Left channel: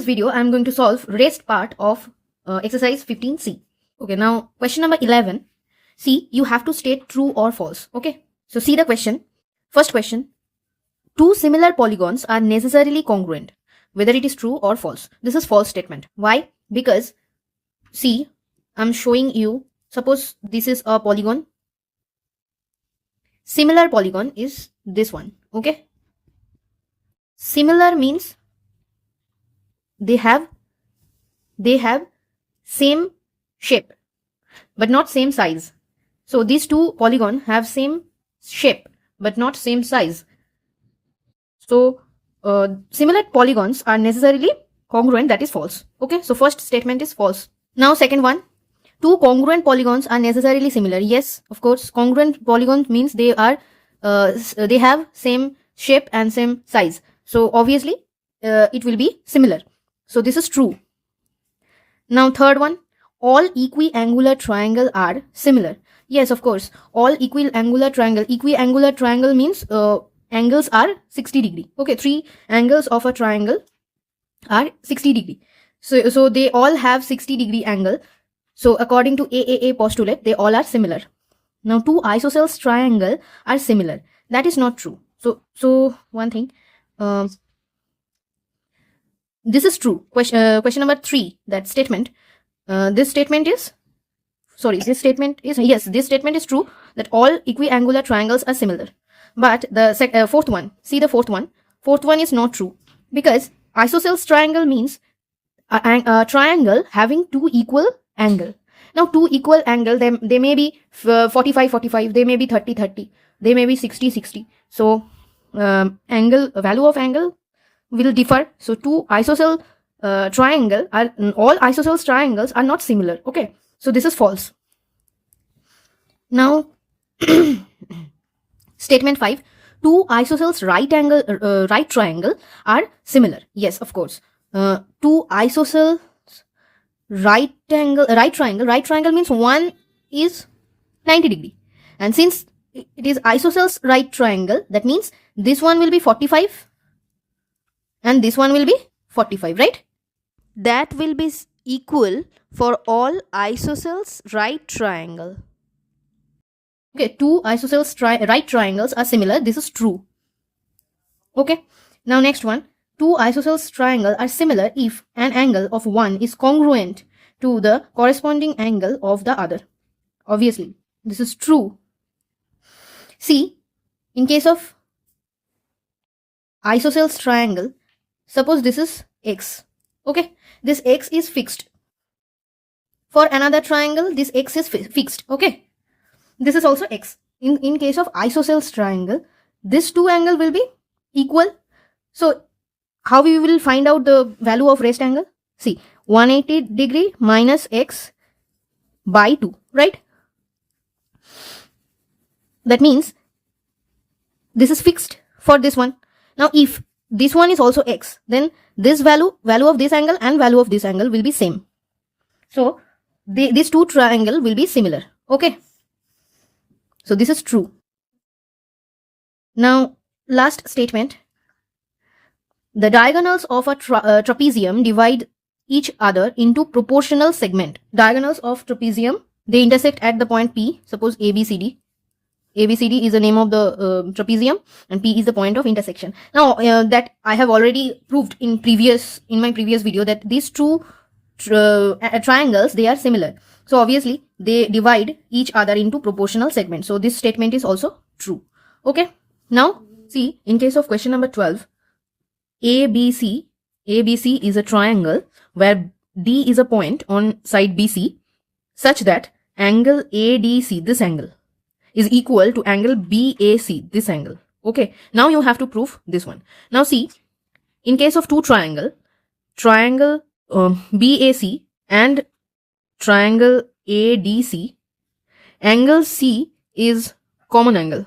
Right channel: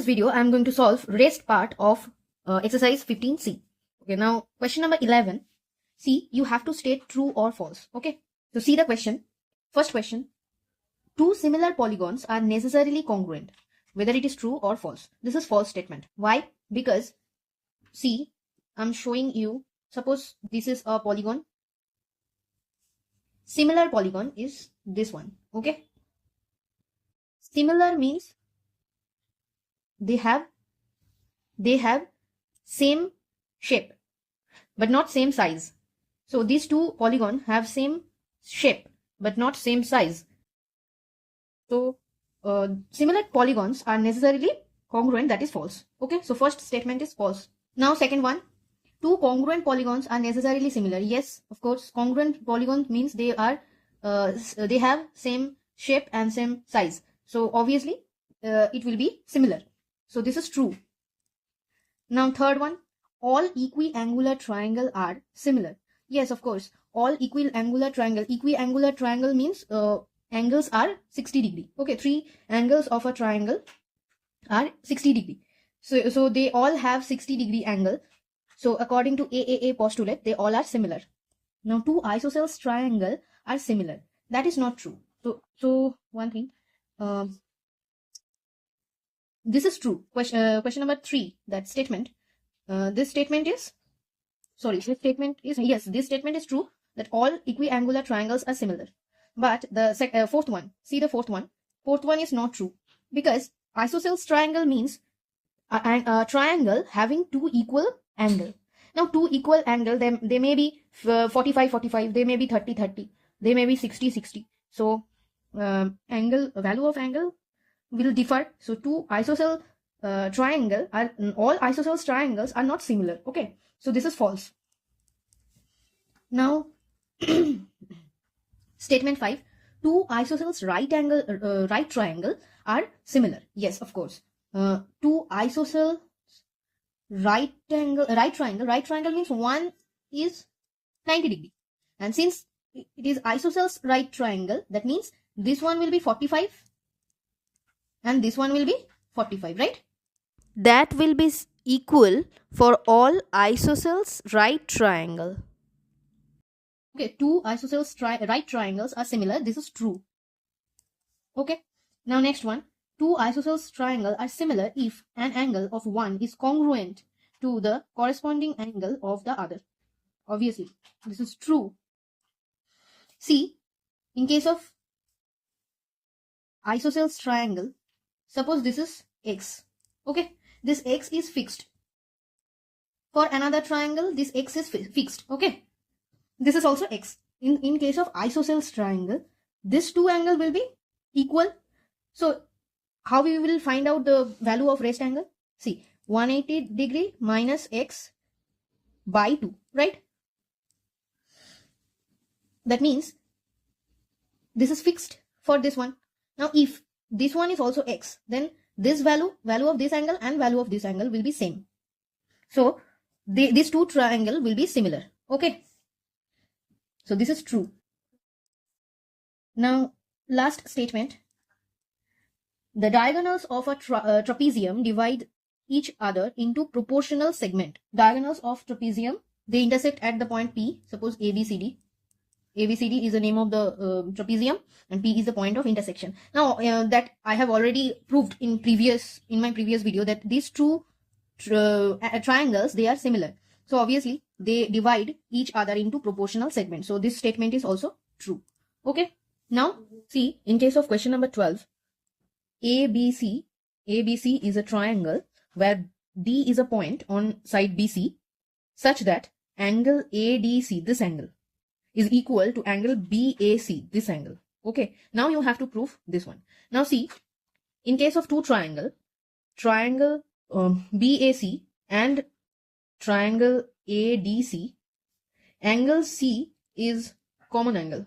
this video, I am going to solve rest part of exercise 15C. Okay, now question number 11. See, you have to state true or false. Okay, so see the question. First question. Two similar polygons are necessarily congruent, whether it is true or false. This is false statement. Why? Because, see, I'm showing you, suppose this is a polygon. Similar polygon is this one. Okay. Similar means they have same shape but not same size. So these two polygons have same shape but not same size. So similar polygons are necessarily congruent. That is false. Okay, so first statement is false. Now second one, two congruent polygons are necessarily similar. Yes, of course, congruent polygons means they are they have same shape and same size. So obviously it will be similar. So this is true. Now third one, all equiangular triangles are similar. Yes, of course, all equiangular triangle means angles are 60 degree. Okay, three angles of a triangle are 60 degree. So they all have 60 degree angle. So according to ICSE postulate, they all are similar. Now two isosceles triangle are similar. That is not true. So one thing, this is true. Question number 3, that statement. This statement is true, that all equiangular triangles are similar. But the fourth one, see the fourth one is not true, because isosceles triangle means a triangle having two equal angle. Now two equal angle, they may be 45, they may be 30, they may be 60. So value of angle will differ. So two isosceles triangle are, all isosceles triangles are not similar. Okay, so this is false. Now statement 5, two isosceles right triangle are similar. Yes, of course. Two isosceles right triangle means one is 90 degree, and since it is isosceles right triangle, that means this one will be 45 and this one will be 45, right? That will be equal for all isosceles right triangle. Okay, two isosceles right triangles are similar. This is true. Okay, now next one, two isosceles triangles are similar if an angle of one is congruent to the corresponding angle of the other. Obviously, this is true. See, in case of isosceles triangle, suppose this is x. Okay, this x is fixed. For another triangle, this x is fixed. Okay, this is also x. In case of isosceles triangle, this two angle will be equal. So how we will find out the value of rest angle? See, 180 degree minus x by 2, right? That means this is fixed for this one. Now if this one is also x, then this value of this angle and value of this angle will be same. So these two triangle will be similar. Okay, so this is true. Now last statement, the diagonals of a trapezium divide each other into proportional segment. Diagonals of trapezium, they intersect at the point P. Suppose ABCD. ABCD is the name of the trapezium and P is the point of intersection. Now that I have already proved in my previous video that these two triangles, they are similar. So obviously they divide each other into proportional segments. So this statement is also true. Okay. Now see, in case of question number 12, ABC is a triangle where D is a point on side BC such that angle ADC, this angle, is equal to angle BAC, this angle. Okay, now you have to prove this one. Now see, in case of two triangle BAC and triangle ADC, angle C is common angle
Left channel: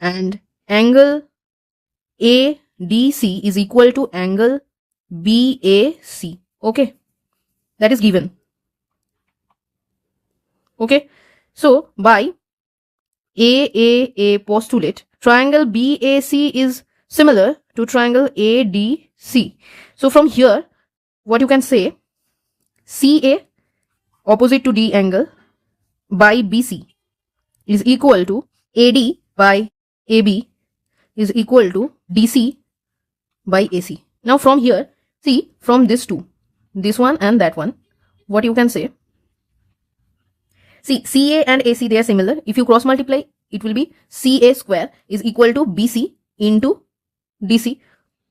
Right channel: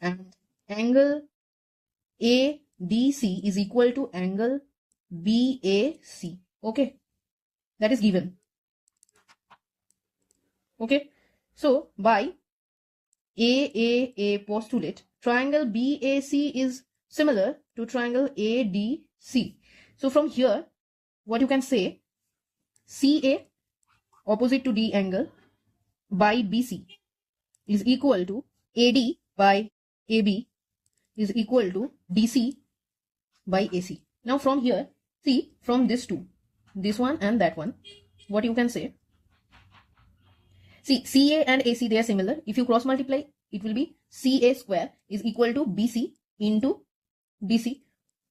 and angle ADC is equal to angle BAC. Okay, that is given. Okay, so by ICSE postulate, triangle BAC is similar to triangle ADC. So from here, what you can say, CA opposite to D angle by BC is equal to AD by AB is equal to DC by AC. Now from here, see, from this two, this one and that one, what you can say, see, CA and AC, they are similar. If you cross multiply, it will be CA square is equal to BC into DC,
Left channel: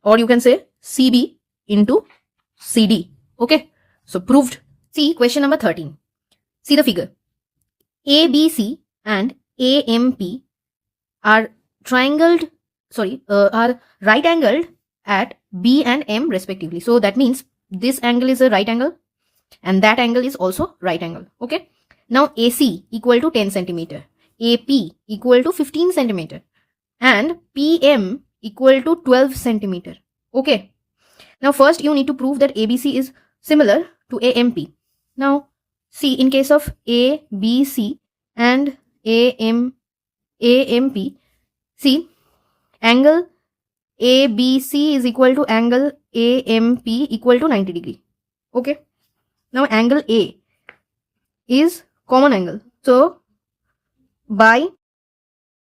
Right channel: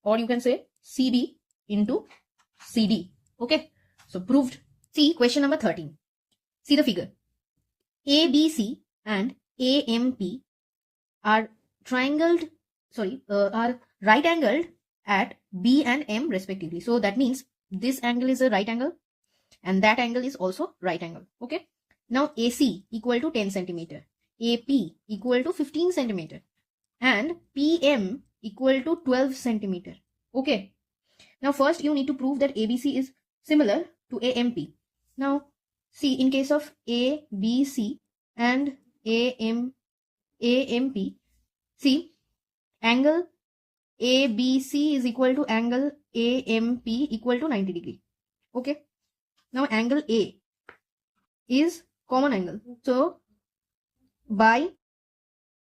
or you can say CB into CD. Okay, so proved. See question number 13. See the figure. ABC and AMP are are right angled at B and M respectively. So that means this angle is a right angle and that angle is also right angle. Okay. Now AC equal to 10 centimeter, AP equal to 15 centimeter, and PM equal to 12 centimeter. Okay. Now first you need to prove that ABC is similar to AMP. Now see, in case of ABC and AMP, see, angle ABC is equal to angle AMP equal to 90 degree. Okay. Now angle A is common angle. So by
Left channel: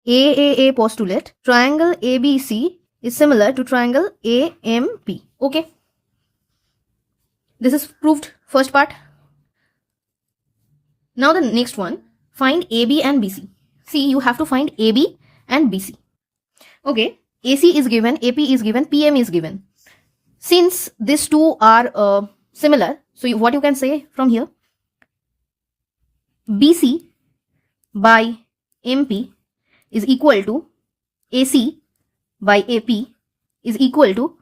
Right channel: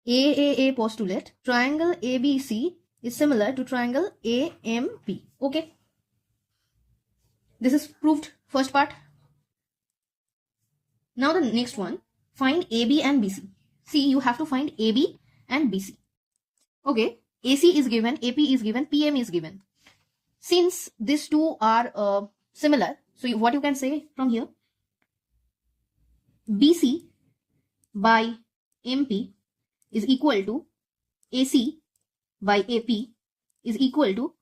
AAA postulate, triangle ABC is similar to triangle AMP. Okay. This is proved first part. Now the next one, find AB and BC. See, you have to find AB and BC. Okay, AC is given, AP is given, PM is given. Since these two are similar, so what you can say from here, BC by MP is equal to AC by AP is equal to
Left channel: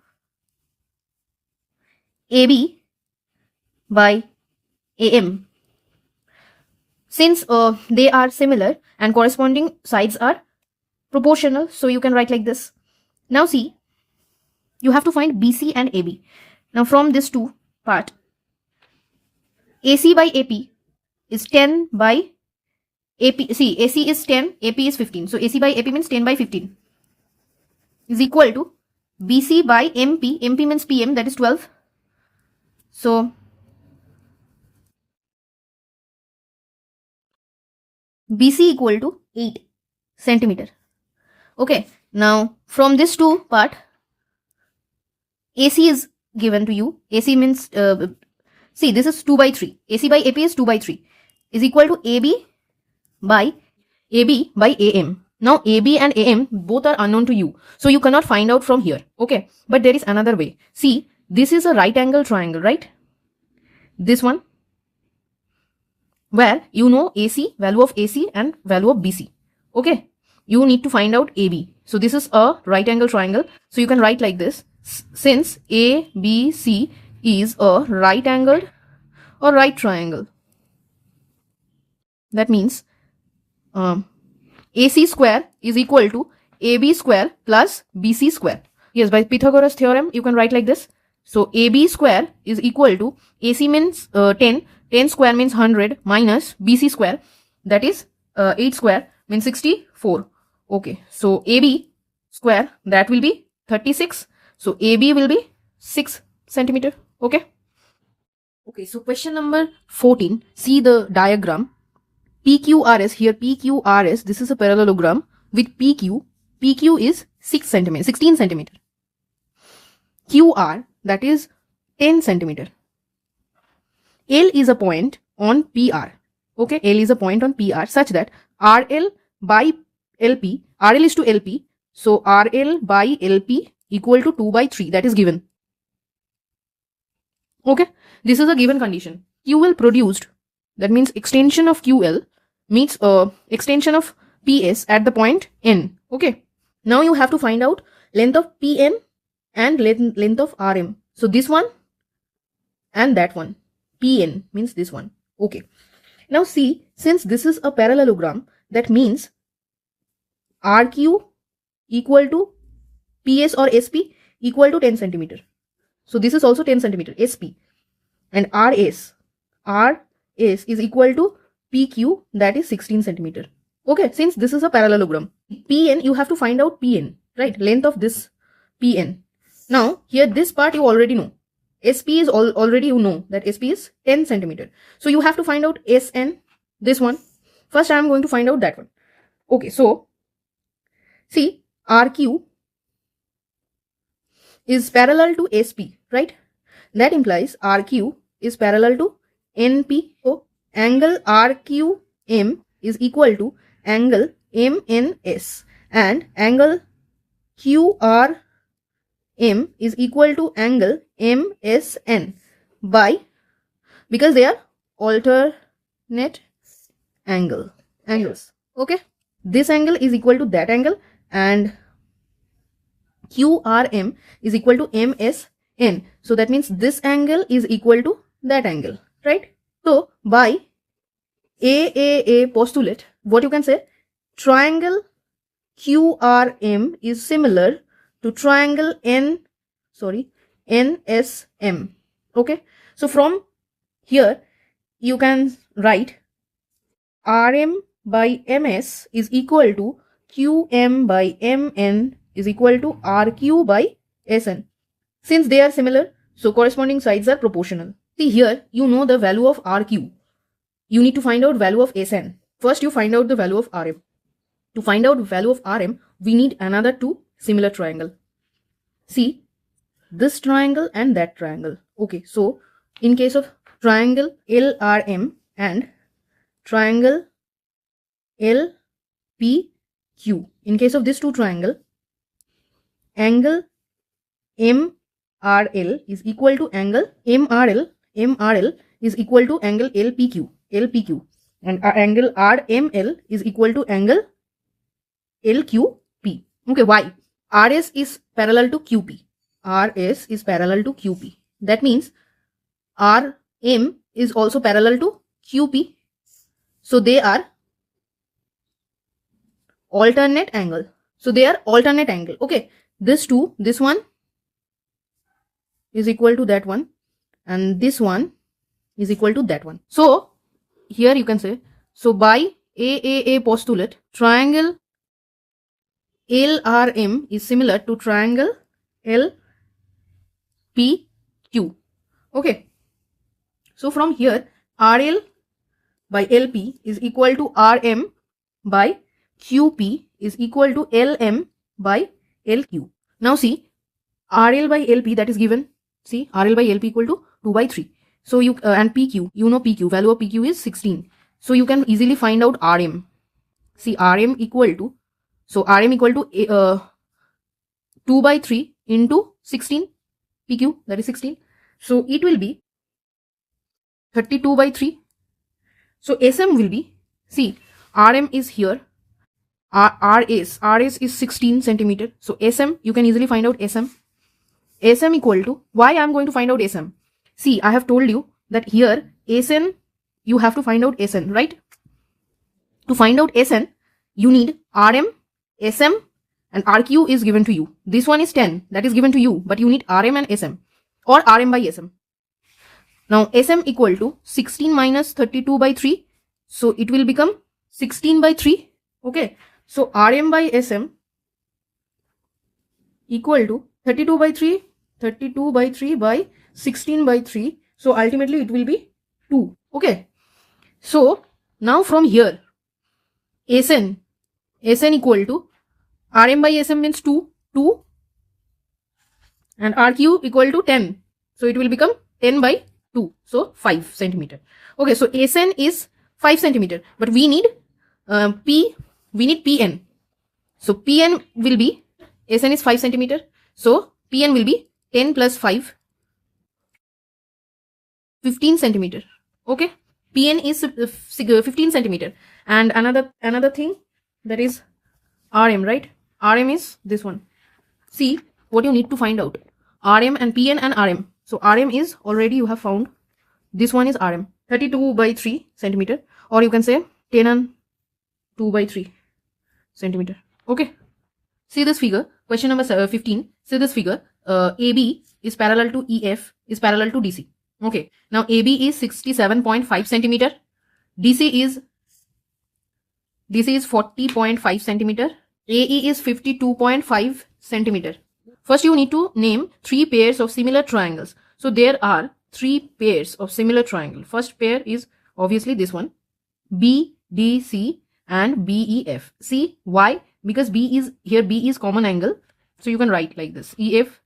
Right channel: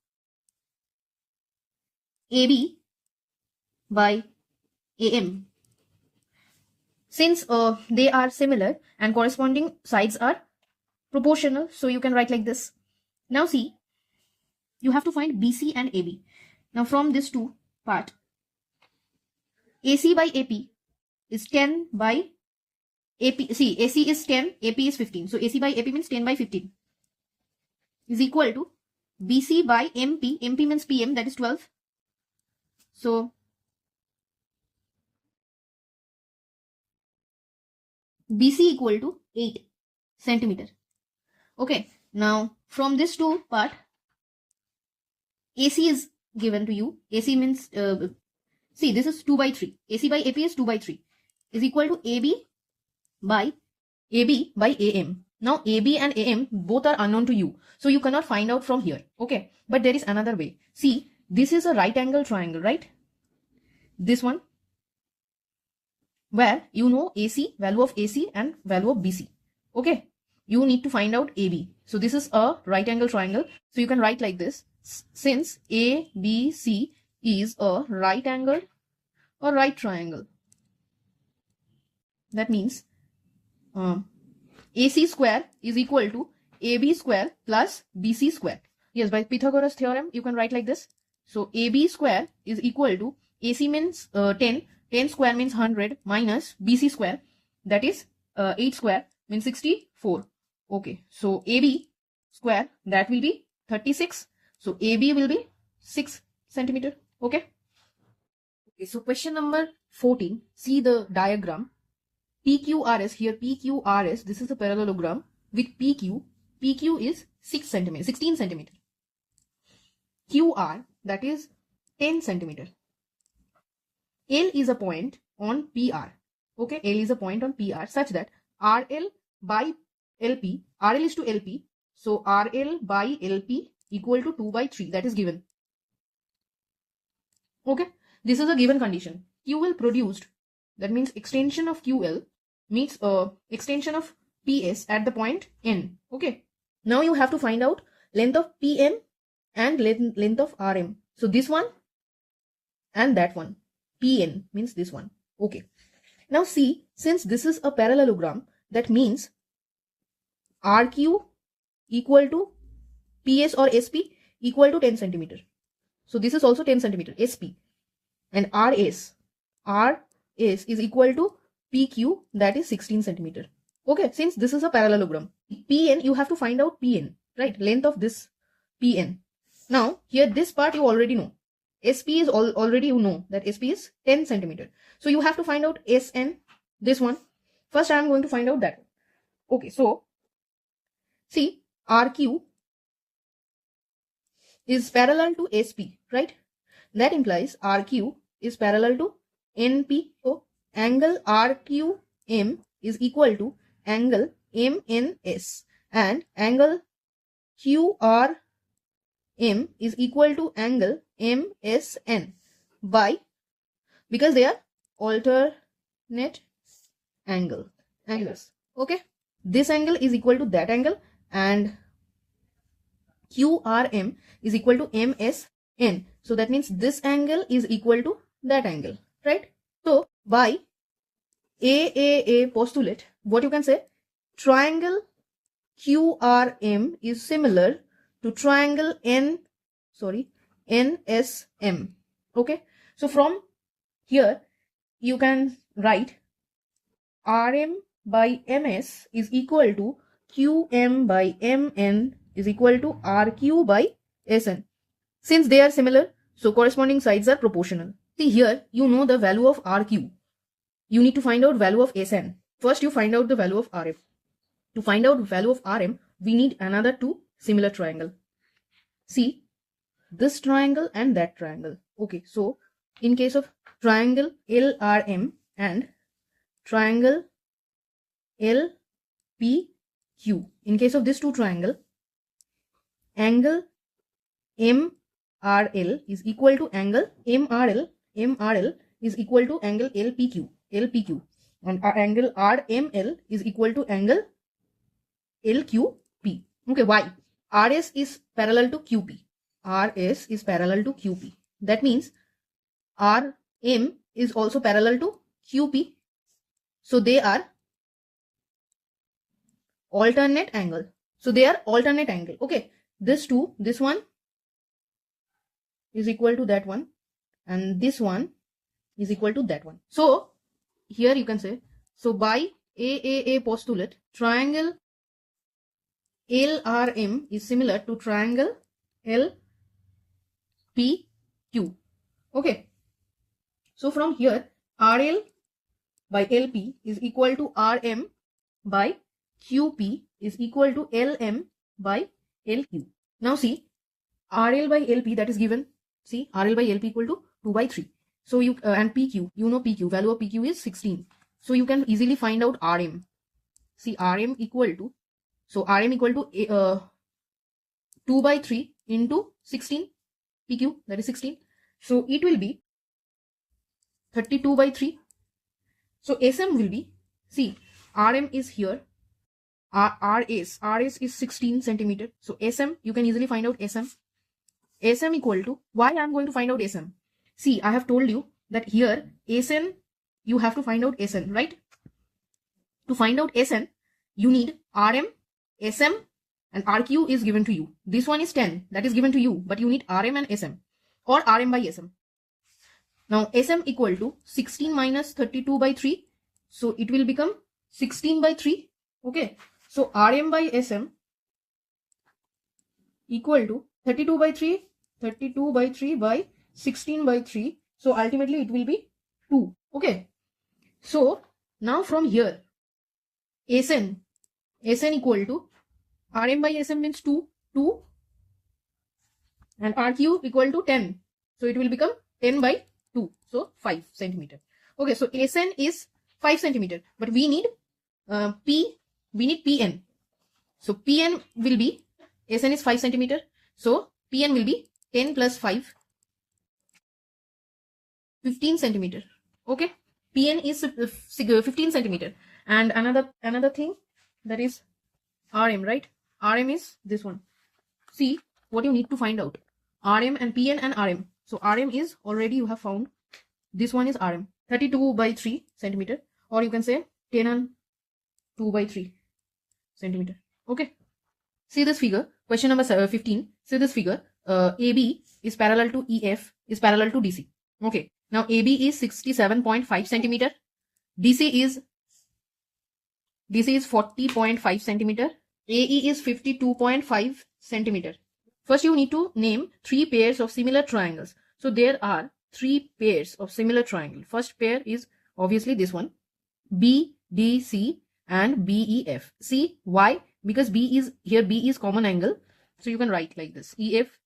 AB by AM. Since they are similar and corresponding sides are proportional, so you can write like this. Now see, you have to find BC and AB. Now from this two part, AC by AP is 10 by AP. See, AC is 10, AP is 15. So AC by AP means 10 by 15 is equal to BC by MP. MP means PM, that is 12. So BC equal to 8 centimeter. Okay. Now from this two part, AC is given to you. AC means, see, this is 2 by 3. AC by AP is 2 by 3 is equal to AB by AM. Now AB and AM both are unknown to you, so you cannot find out from here. Okay, but there is another way. See, this is a right angle triangle, right? This one, where you know AC, value of AC and value of BC. Okay, you need to find out AB. So this is a right angle triangle. So you can write like this. Since ABC is a right angled or right triangle, that means AC square is equal to AB square plus BC square. Yes, by Pythagoras theorem, you can write like this. So AB square is equal to AC means 10. 10 square means 100 minus BC square, that is 8 square means 64. Okay, so AB square, that will be 36. So AB will be 6 centimeter. Okay. Okay, so question number 14. See the diagram. PQRS, here PQRS, this is a parallelogram with PQ. PQ is 16 centimeter. QR, that is 10 centimeter. L is a point on PR. Okay, L is a point on PR such that RL by LP, RL is to LP. So RL by LP equal to 2 by 3, that is given. Okay, this is a given condition. QL produced, that means extension of QL means extension of PS at the point N. Okay, now you have to find out length of PN and length of RM. So this one and that one. PN means this one. Okay. Now see, since this is a parallelogram, that means RQ equal to PS or SP equal to 10 centimeter. So this is also 10 centimeter, SP. And RS is equal to PQ, that is 16 centimeter. Okay, since this is a parallelogram. PN, you have to find out PN, right? Length of this Pn. Now here this part you already know. SP is already you know that SP is 10 centimeter. So you have to find out Sn, this one. First I am going to find out that one. Okay, so see RQ is parallel to SP, right? That implies RQ is parallel to NP. So angle RQM is equal to angle MNS and angle QRM is equal to angle MSN by, because they are alternate angles. Okay, this angle is equal to that angle and QRM is equal to MSN. So that means this angle is equal to that angle, right? So by AAA postulate, what you can say, triangle QRM is similar to triangle NSM. Okay, so from here you can write RM by MS is equal to QM by MN is equal to RQ by SN. Since they are similar, so corresponding sides are proportional. See here, you know the value of RQ. You need to find out value of SN. First you find out the value of RM. To find out value of RM, we need another two similar triangle. See, this triangle and that triangle. Okay, so in case of triangle LRM and triangle LPQ, in case of this two triangle, angle MRL is equal to angle MRL is equal to angle LPQ, and angle RML is equal to angle LQP. Okay, why? RS is parallel to QP. RS is parallel to QP. That means RM is also parallel to QP. So they are alternate angle. Okay, this one is equal to that one and this one is equal to that one. So here you can say, so by AAA postulate, triangle LRM is similar to triangle LPQ. Okay, so from here RL by LP is equal to RM by QP is equal to LM by LQ. Now see, RL by LP, that is given. See, RL by LP equal to 2 by 3. So you and PQ, you know PQ, value of PQ is 16. So you can easily find out RM. See, RM equal to, so RM equal to 2 by 3 into 16 PQ, that is 16. So it will be 32 by 3. So SM will be, see, RM is here, RS is 16 centimeter. So SM, you can easily find out SM. SM equal to, why I am going to find out SM? See, I have told you that here SN, you have to find out SN, right? To find out SN, you need RM, SM and RQ is given to you. This one is 10, that is given to you, but you need RM and SM or RM by SM. Now SM equal to 16 minus 32 by 3. So it will become 16 by 3. Okay. So RM by SM equal to 32 by 3 by 16 by 3. So ultimately it will be 2. Okay. So now from here, SN equal to RM by SM means 2 and RQ equal to 10. So it will become 10 by 2. So 5 centimeter. Okay. So SN is 5 centimeter, but we need PN. So PN will be, SN is 5 centimeter. So PN will be 10 plus 5, 15 centimeter. Okay. PN is 15 centimeter. And another thing, that is RM, right? RM is this one. See what you need to find out. RM and PN and RM. So RM is already you have found. This one is RM. 32 by 3 centimeter. Or you can say 10 and 2 by 3 centimeter. Okay. See this figure. Question number 15. See this figure. AB is parallel to EF is parallel to DC. Okay. Now AB is 67.5 centimeter. DC is 40.5 centimeter. AE is 52.5 centimeter. First, you need to name 3 pairs of similar triangles. So there are 3 pairs of similar triangle. First pair is obviously this one, BDC and BEF. See why? Because B is common angle. So you can write like this. EF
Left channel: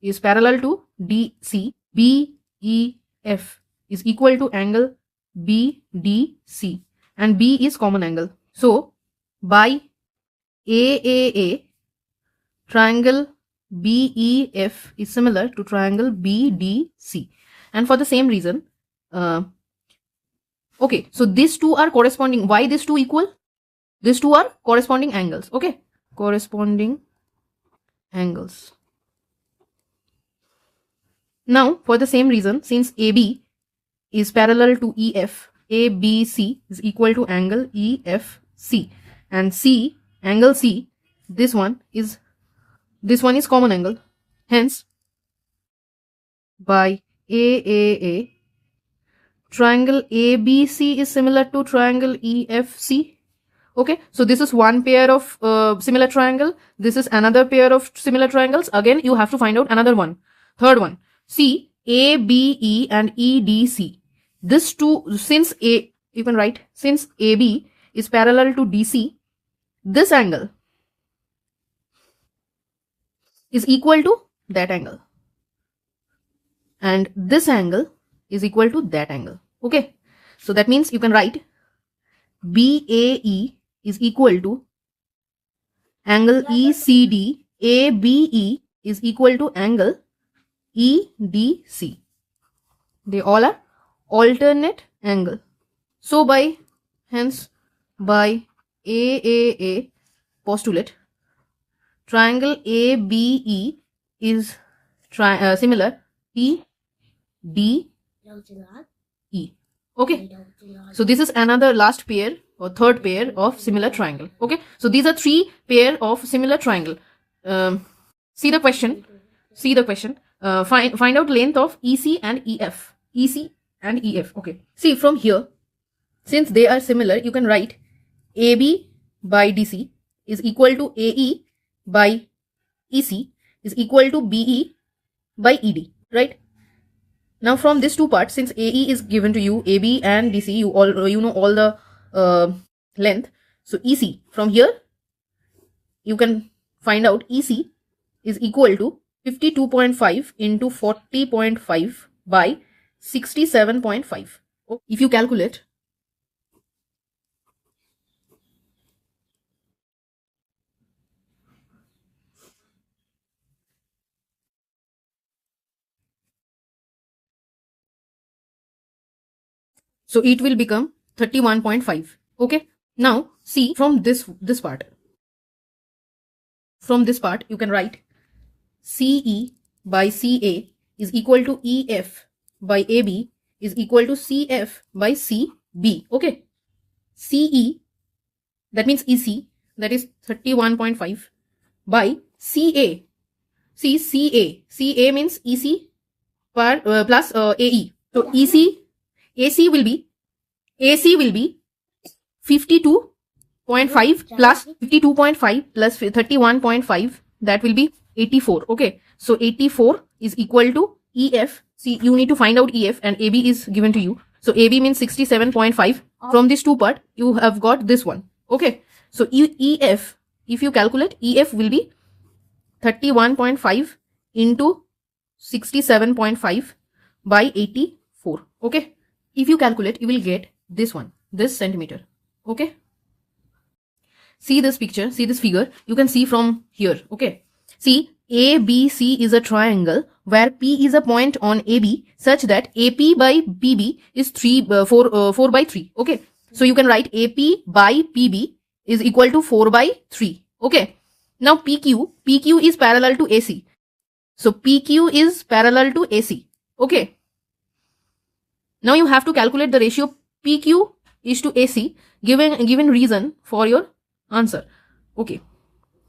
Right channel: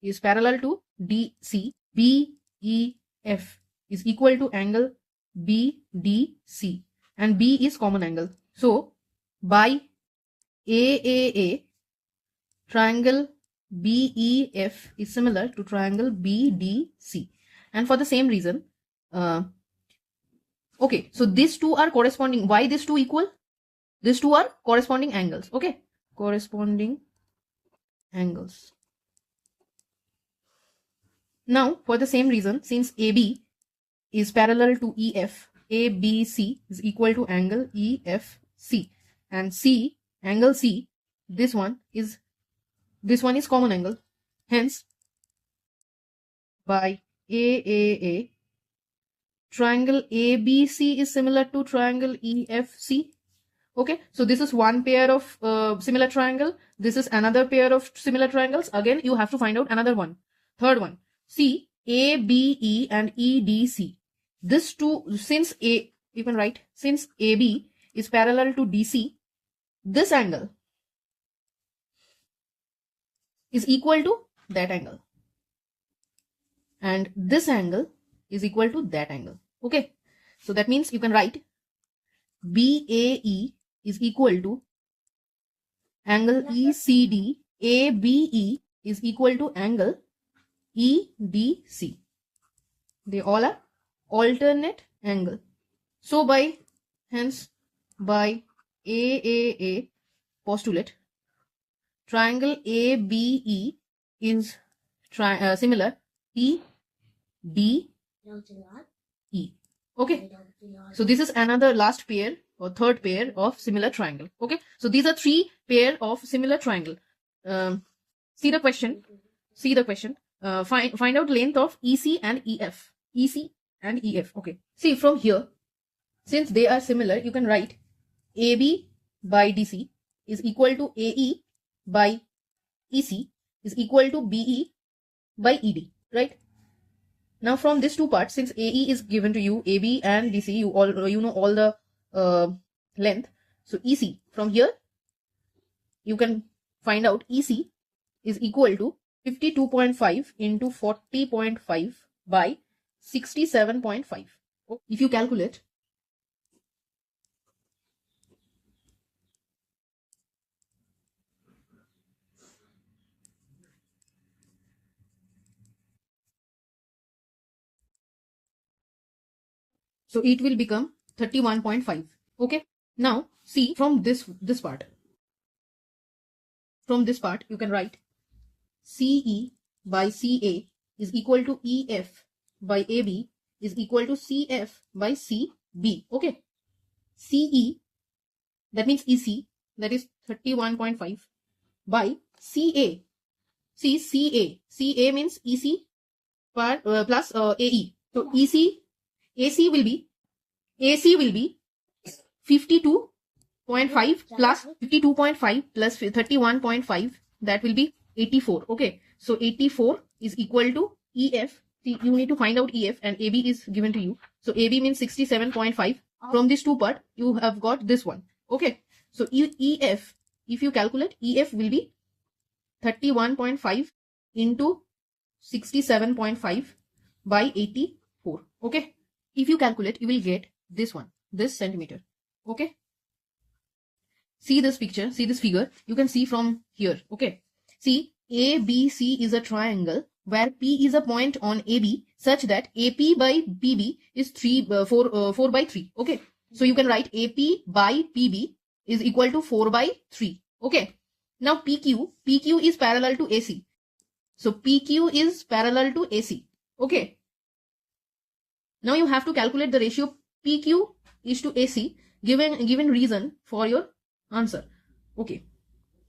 is parallel to DC. BEF is equal to angle BDC. And B is common angle. So by AAA, triangle BEF is similar to triangle BDC. And for the same reason, okay, so these two are corresponding. Why these two equal? These two are corresponding angles. Okay, corresponding angles. Now, for the same reason, since AB is parallel to EF, ABC is equal to angle EFC. And C, angle C, this one is common angle. Hence, by AAA, triangle ABC is similar to triangle EFC. Okay, so this is one pair of similar triangle. This is another pair of similar triangles. Again, you have to find out another one. Third one. See, ABE and EDC. This two, since you can write, since AB is parallel to DC, this angle is equal to that angle. And this angle is equal to that angle. Okay, so that means you can write BAE is equal to angle ECD, ABE is equal to angle EDC. They all are alternate angle. So hence by AAA postulate, triangle ABE is similar EDE. Okay, so this is another last pair or third pair of similar triangle. Okay, so these are 3 pair of similar triangle. See the question. Find out length of EC and EF. EC and EF. Okay, see from here, since they are similar, you can write AB by DC is equal to AE by EC is equal to BE by ED, right? Now from these two parts, since AE is given to you, AB and DC, you know all the length. So EC, from here you can find out EC is equal to 52.5 into 40.5 by 67.5. If you calculate, so it will become 31.5. Okay, now see from this part. From this part you can write CE by CA is equal to EF by AB is equal to CF by CB. Okay, CE, that means EC, that is 31.5 by CA. See, CA means EC plus AE. So AC will be 52.5 plus 52.5 plus 31.5, that will be 84. Okay, so 84 is equal to EF. See, you need to find out EF, and AB is given to you. So AB means 67.5. From these two part, you have got this one. Okay, so EF, if you calculate, EF will be 31.5 into 67.5, by 84. Okay, if you calculate, you will get this one, this centimeter. Okay, see this picture, see this figure, you can see from here. Okay, see, ABC is a triangle where P is a point on AB such that AP by PB is 4 by 3. Okay, so you can write AP by PB is equal to 4 by 3. Okay, now PQ is parallel to AC. So PQ is parallel to AC. Okay, now you have to calculate the ratio PQ is to AC given reason for your answer. Okay,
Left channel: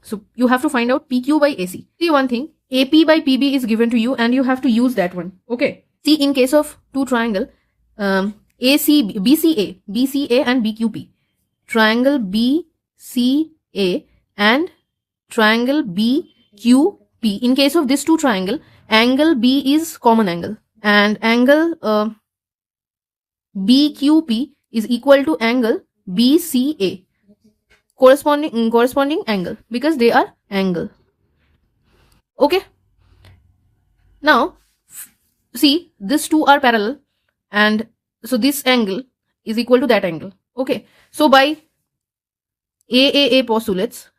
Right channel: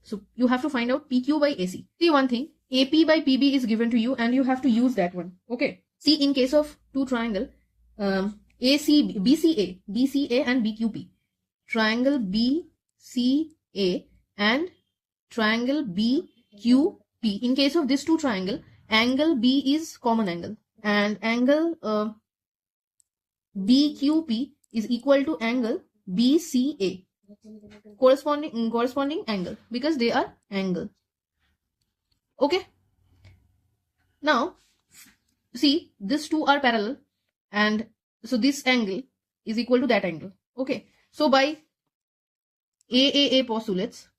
so you have to find out PQ by AC. See one thing, AP by PB is given to you and you have to use that one. Okay, see, in case of two triangle, BCA and BQP, triangle BCA and triangle BQP, P. In case of this two triangle, angle B is common angle, and angle BQP is equal to angle BCA, corresponding angle, because they are angle. Okay. Now see, these two are parallel, and so this angle is equal to that angle. Okay. So by AAA postulates,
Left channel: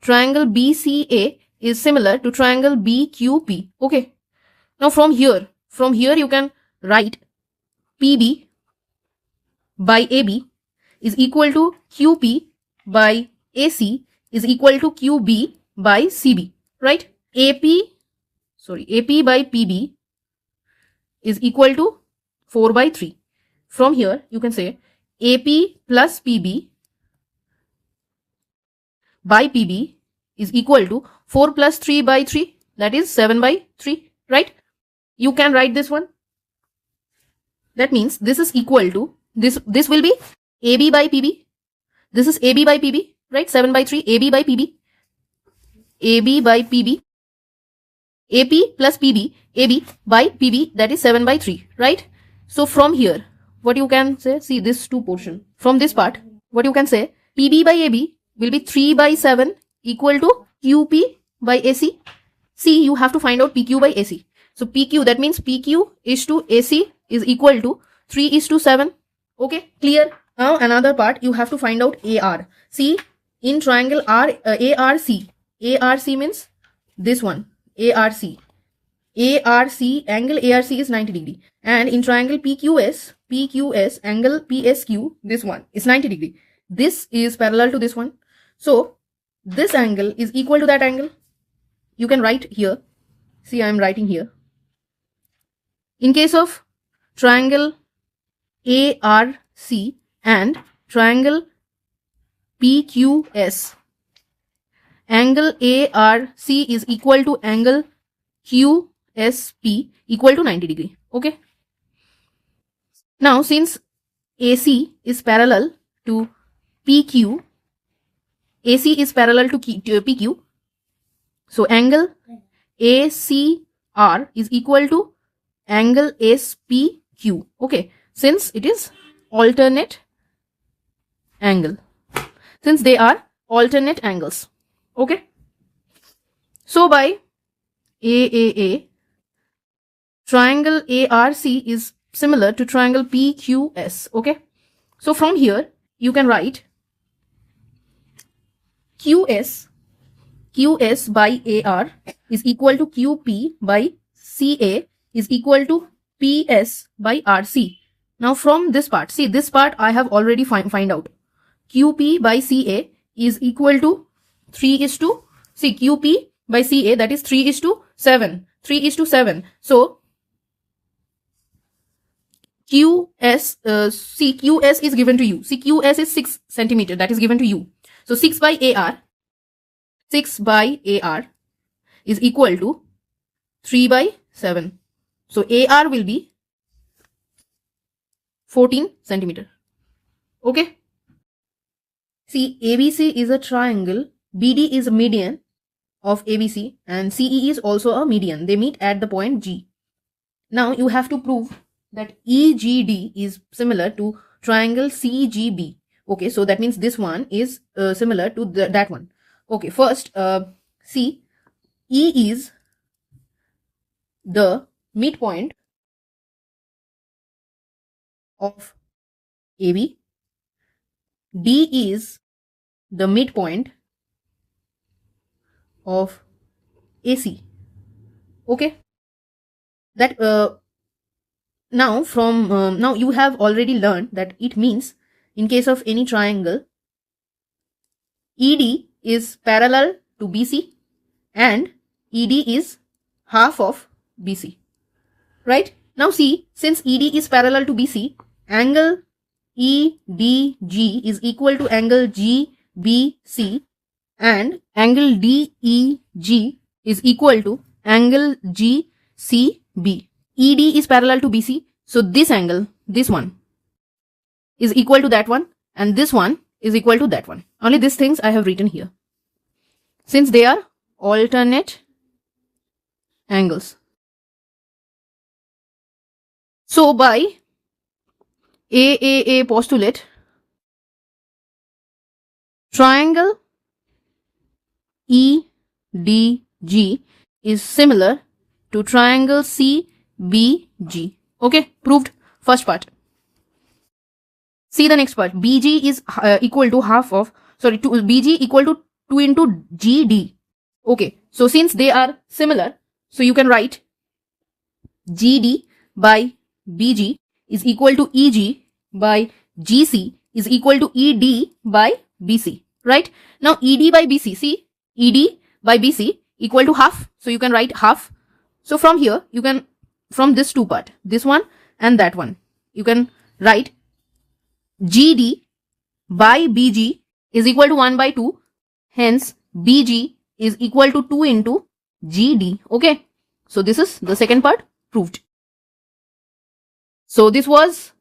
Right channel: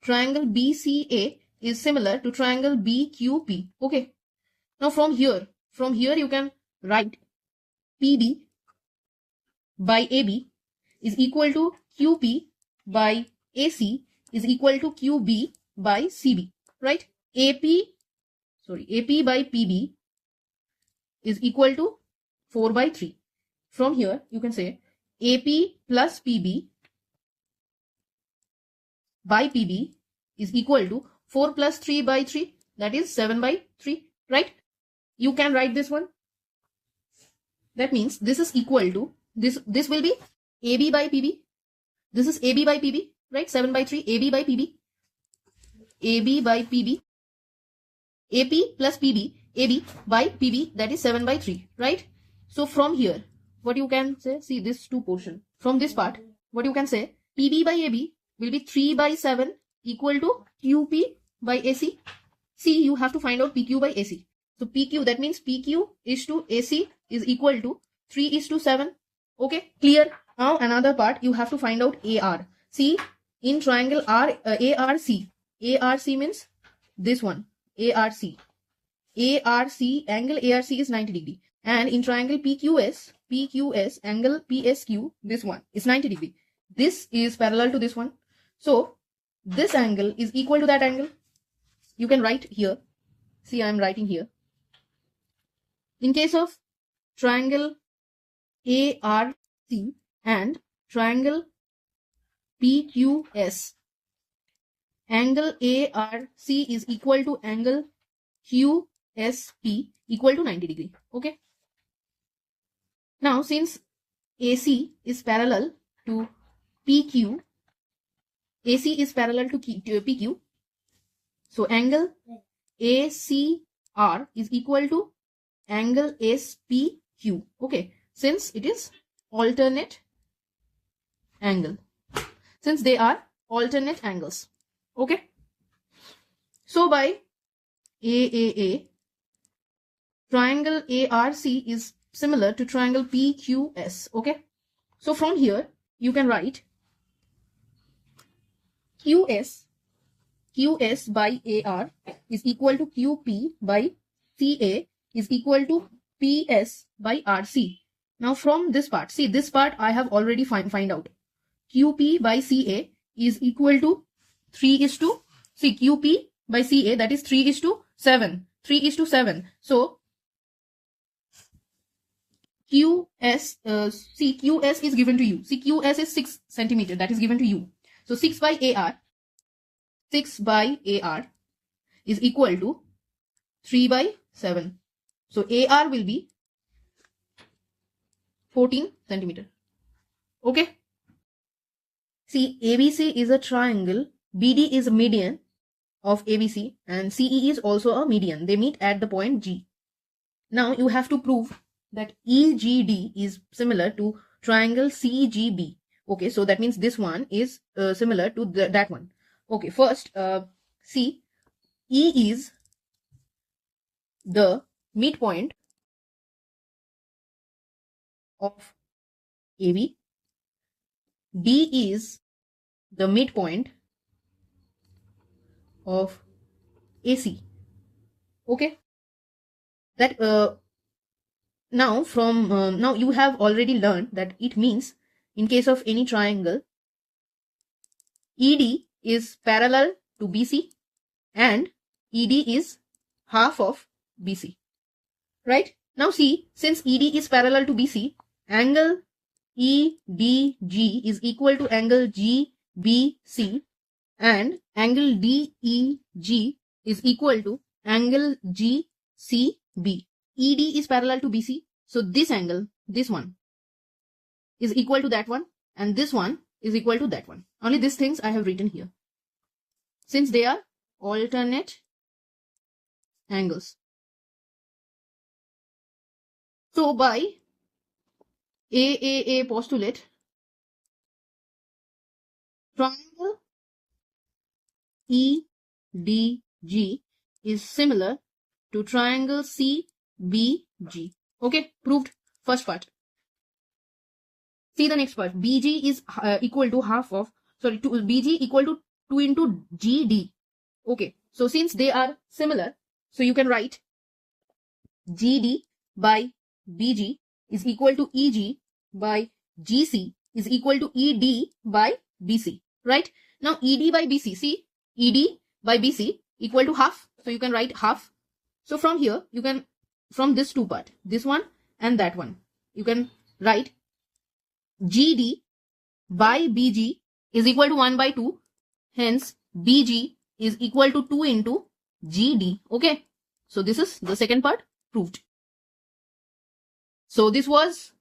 triangle BCA is similar to triangle BQP. Okay. Now from here you can write PB by AB is equal to QP by AC is equal to QB by CB, right? AP by PB is equal to 4 by 3. From here you can say AP plus PB by PB is equal to 4 plus 3 by 3, that is 7 by 3, right? You can write this one. That means this is equal to, this will be AB by PB. This is AB by PB, right? 7 by 3, AB by PB. AB by PB. AP plus PB, AB by PB, that is 7 by 3, right? So from here, what you can say, see this two portion. From this part, what you can say, PB by AB will be 3 by 7 equal to QP by AC. See, you have to find out PQ by AC. So PQ, that means PQ is to AC is equal to 3 is to 7. Okay, clear? Now another part, you have to find out AR. See, in triangle ARC means this one, ARC, angle ARC is 90 degree. And in triangle PQS, angle PSQ, this one is 90 degree. This is parallel to this one. So this angle is equal to that angle. You can write here. See, I am writing here. In case of triangle ARC and triangle PQS, angle ARC is equal to angle QSP equal to 90 degree. Okay. Now since AC is parallel to PQ, AC is parallel to PQ, so angle ACR is equal to angle SPQ. Okay, since it is alternate angle, since they are alternate angles. Okay, so by AAA, triangle ARC is similar to triangle PQS. Okay, so from here you can write QS by AR is equal to QP by CA is equal to PS by RC. Now from this part, see this part I have already find out. QP by CA is equal to 3 is to, see QP by CA, that is 3 is to 7. 3 is to 7. So QS, see QS is given to you. See QS is 6 centimeter, that is given to you. So 6 by AR is equal to 3 by 7. So AR will be 14 centimeter. Okay. See, ABC is a triangle, BD is a median of ABC, and CE is also a median. They meet at the point G. Now you have to prove that EGD is similar to triangle CGB. Okay, so that means this one is similar to that one. Okay, first, see, E is the midpoint of AB. D is the midpoint of AC. Okay, that now from now you have already learned that it means in case of any triangle, ED is parallel to BC and ED is half of BC, right? Now see, since ED is parallel to BC, angle EDG is equal to angle GBC and angle DEG is equal to angle GCB. ED is parallel to BC, so this angle, this one, is equal to that one, and this one is equal to that one. Only these things I have written here. Since they are alternate angles. So by AAA postulate, triangle EDG is similar to triangle CBG. Okay, proved first part. See the next part. BG is equal to BG equal to 2 into GD. Okay, so since they are similar, so you can write GD by BG is equal to EG by GC is equal to ED by BC, right? Now ED by BC, see, ED by BC equal to half, so you can write half. So from here, you can, from this two part, this one and that one, you can write GD by BG is equal to 1 by 2, hence BG is equal to 2 into GD, okay? So this is the second part proved. So this was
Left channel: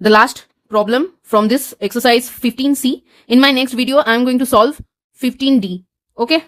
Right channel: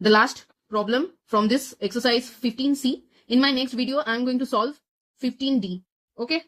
the last problem from this exercise 15C. In my next video, I am going to solve 15D. Okay.